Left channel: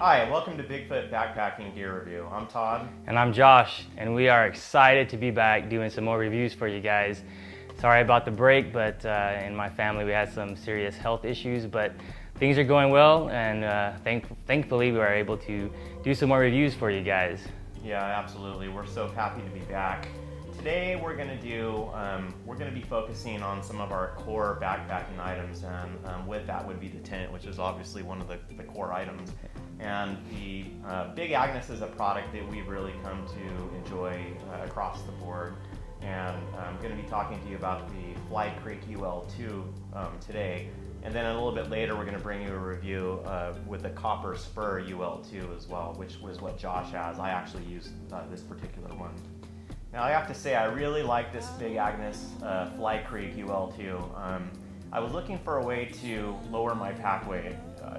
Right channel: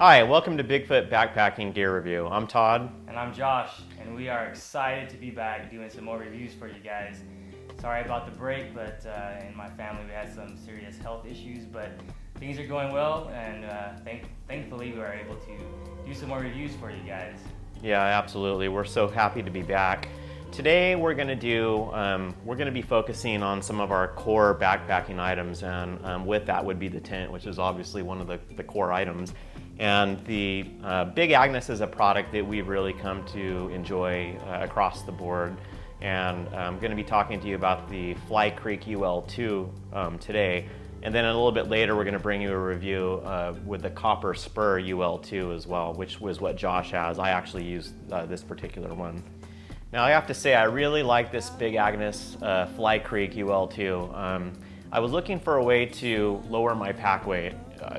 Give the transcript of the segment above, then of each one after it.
Hi, welcome to Bigfoot Backpacking Gear Review. I'm Todd. And I'm Josh, and we are excited to be back doing some more reviews for you guys. Sorry about the break, but in my family we had some serious health issues, but things are going well, and thankfully we were able to do some more reviews for you guys. Yeah, absolutely. We're so happy to be back. Today we're going to be focusing on some of our core backpacking items, and with that would be the tent, which is obviously one of the core items. And the Big Agnes is a product that we've really come to enjoy across the board. And I'm going to be talking to you about the Fly Creek UL2 today. And then a little bit later, we're going to bring you a review with the Copper Spur UL2 as well, which was what Josh has. I actually used this particular one. Now I have to say, I really like this Big Agnes Fly Creek UL2. I was looking for a way to lower my pack weight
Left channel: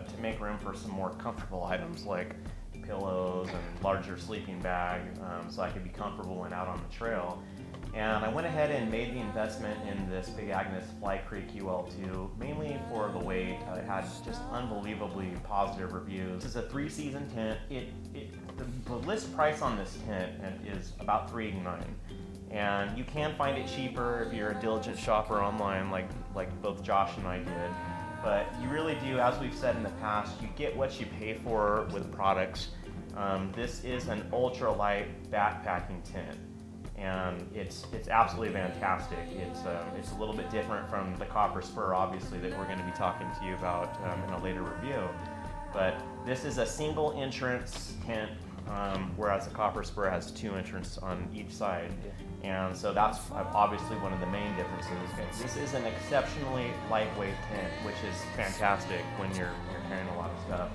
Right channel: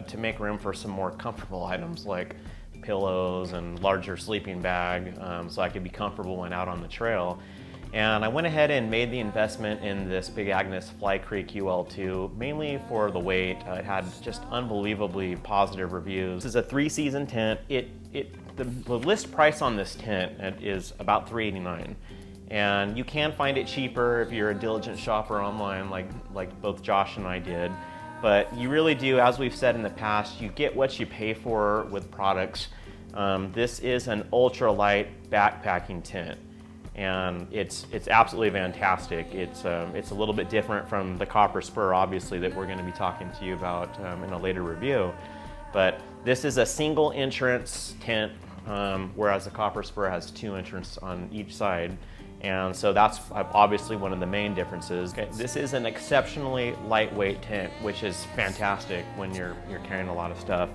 to make room for some more comfortable items like pillows and larger sleeping bag, so I could be comfortable when out on the trail. And I went ahead and made the investment in this Big Agnes Fly Creek UL2, mainly for the weight. It had just unbelievably positive reviews. This is a 3-season tent. The list price on this tent is about $389. And you can find it cheaper if you're a diligent shopper online like both Josh and I did. But you really do, as we've said in the past, you get what you pay for with products. This is an ultralight backpacking tent, and it's absolutely fantastic. It's a little bit different from the Copper Spur, obviously, that we're going to be talking to you about in a later review. But this is a single entrance tent, whereas the Copper Spur has 2 entrances on each side. And so that's obviously one of the main differences. This is an exceptionally lightweight tent, which is fantastic when you're carrying a lot of stuff.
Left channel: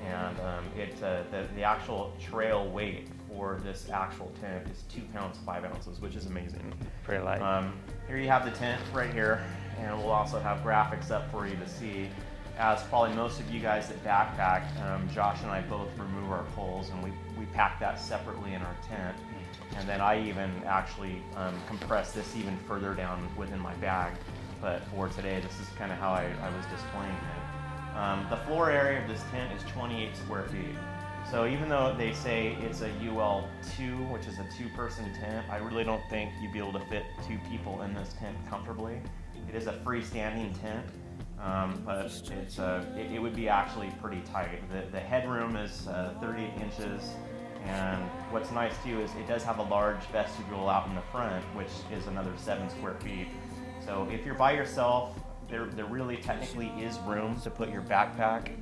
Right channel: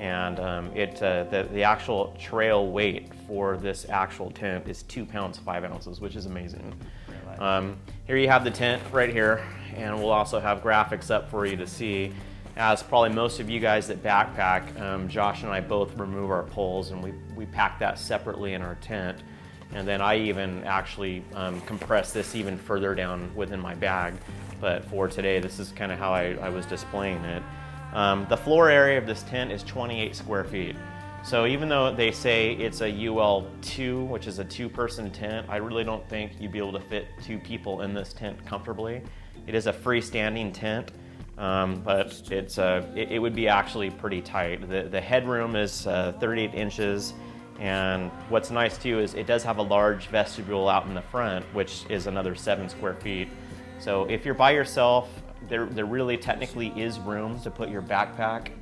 And the actual trail weight for this actual tent is 2 pounds 5 ounces, which is amazing. Pretty light. Here you have the tent right here, and we'll also have graphics up for you to see. As probably most of you guys that backpack, Josh and I both remove our poles, and we pack that separately in our tent. And then I even actually compress this even further down within my bag. But for today, this is kind of how I was displaying it. The floor area of this tent is 28 square feet. So even though they say it's a UL2, which is a 2-person tent, I really don't think you'd be able to fit 2 people in this tent comfortably. It is a freestanding tent, but it would be actually pretty tight. The headroom is 38 inches. And what's nice too is it does have a large vestibule out in the front, which is another 7 square feet. So if you're by yourself, there really technically is room to put your backpack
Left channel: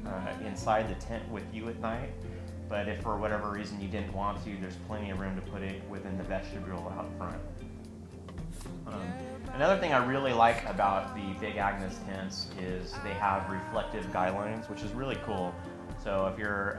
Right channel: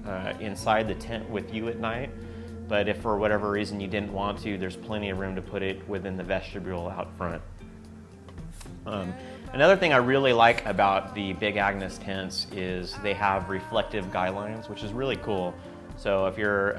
inside the tent with you at night. But if for whatever reason you didn't want to, there's plenty of room to put it within the vestibule out front. Another thing I really like about the Big Agnes tents is they have reflective guy lines, which is really cool. So if you're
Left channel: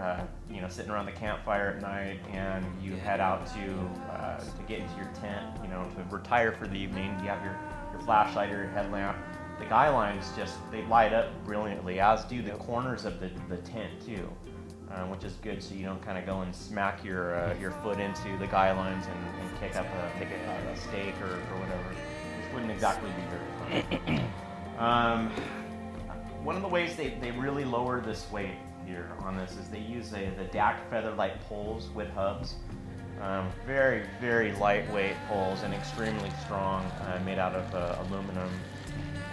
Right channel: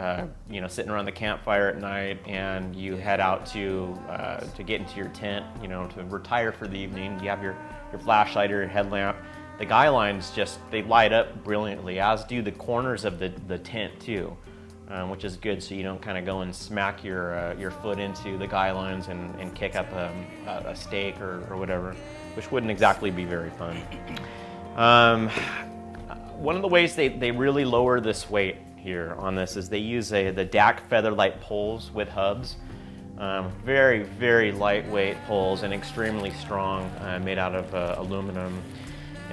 sitting around the campfire at night and you head out to get into your tent, to retire for the evening, you have your flashlight or your headlamp. The guy lines they light up brilliantly, as do the corners of the tent too, which is good, so you don't kind of go and smack your foot into the guy lines and kick up a stake or whatever, which wouldn't exactly be very fun. One of the ways they really lower this weight here on this is they use the Dac Featherlite Poles with hubs. Very, very lightweight poles and extremely strong, made out of aluminum.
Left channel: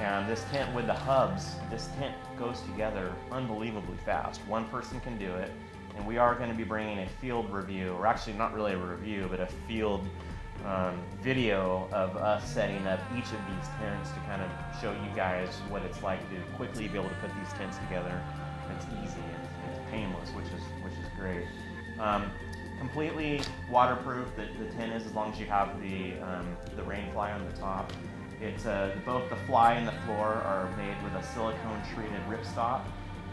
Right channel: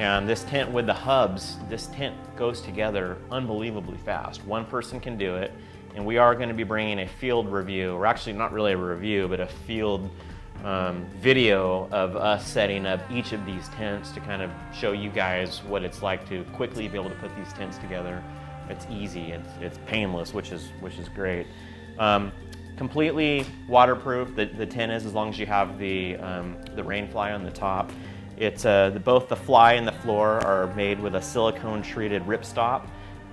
And this tent with the hubs, this tent goes together unbelievably fast. One person can do it, and we are going to be bringing a field review, or actually not really a review, but a field video of us setting up each of these tents to kind of show you guys what it's like to quickly be able to put these tents together. It's easy, it's painless, which is great. Completely waterproof, the tent is, as long as you have the rain fly on the top. It's both the fly and the floor are made with a silicone treated ripstop.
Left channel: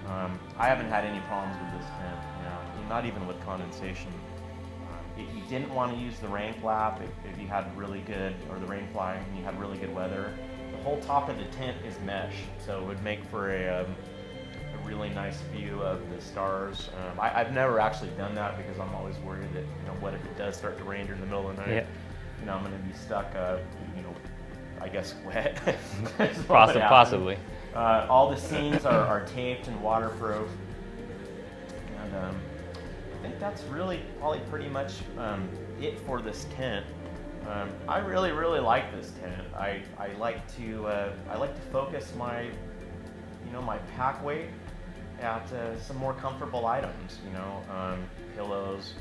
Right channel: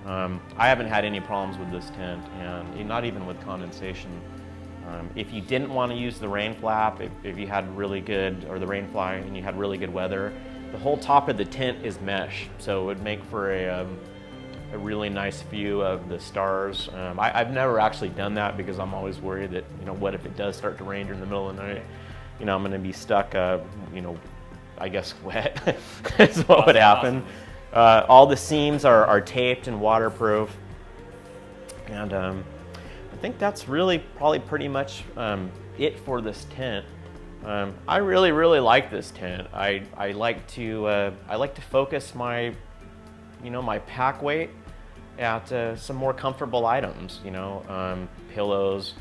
I haven't had any problems with this tent, and not even with condensation. If you didn't want to use the rain flap, if you had really good, or the rain fly, and you had really good weather, the whole top of the tent is mesh, so it would make for a really nice view of the stars. I've never actually done that because I'm always worried that, what if it does start to rain during the middle of the night? Yeah. I'm going to be stuck, I guess wet. That's what would happen. Possibly. All the seams are taped and waterproof. And think that's really probably pretty much it for this tent. I really like this tent. I like to focus my my pack weight at some more comfortable items. Pillows.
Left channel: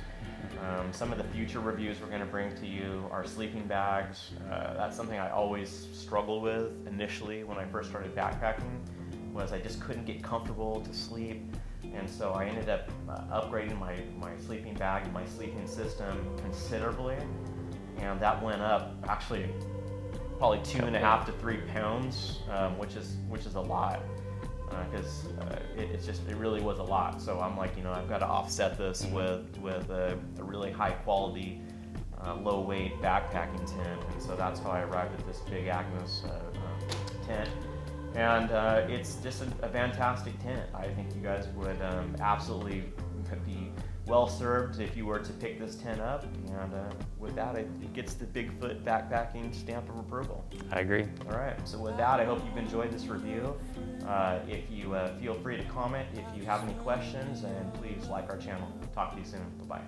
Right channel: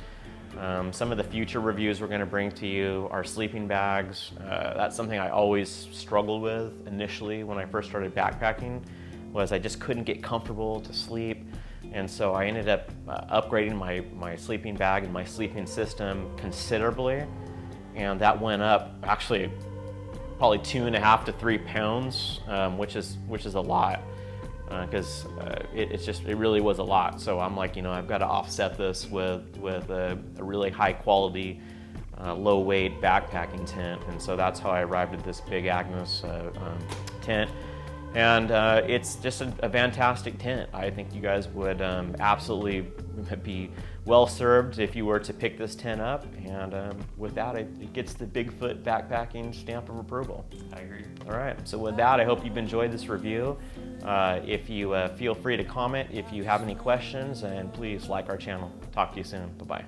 Some of the future reviews we're going to bring to you are sleeping bags. That's something I always struggled with initially when I first started backpacking, was I just couldn't get comfortable to sleep. And so I ended up upgrading my sleeping bag and my sleeping system considerably. And that went up actually probably 2.5 to 3 pounds, which is a lot. Because it really was a lot. So I'm like, I've got to offset this with a really high quality, low weight backpacking tent. And so that's how I arrived at this big Agnes tent. And it's just a fantastic tent. I think you guys would absolutely be well served if you were to pick this tent up. And with that, it gets the Bigfoot backpacking stamp of approval. I agree. All right, so with that, I hope you've enjoyed this review. If you feel free to comment if you have any questions, and please like our channel. Talk to you soon. Bye-bye.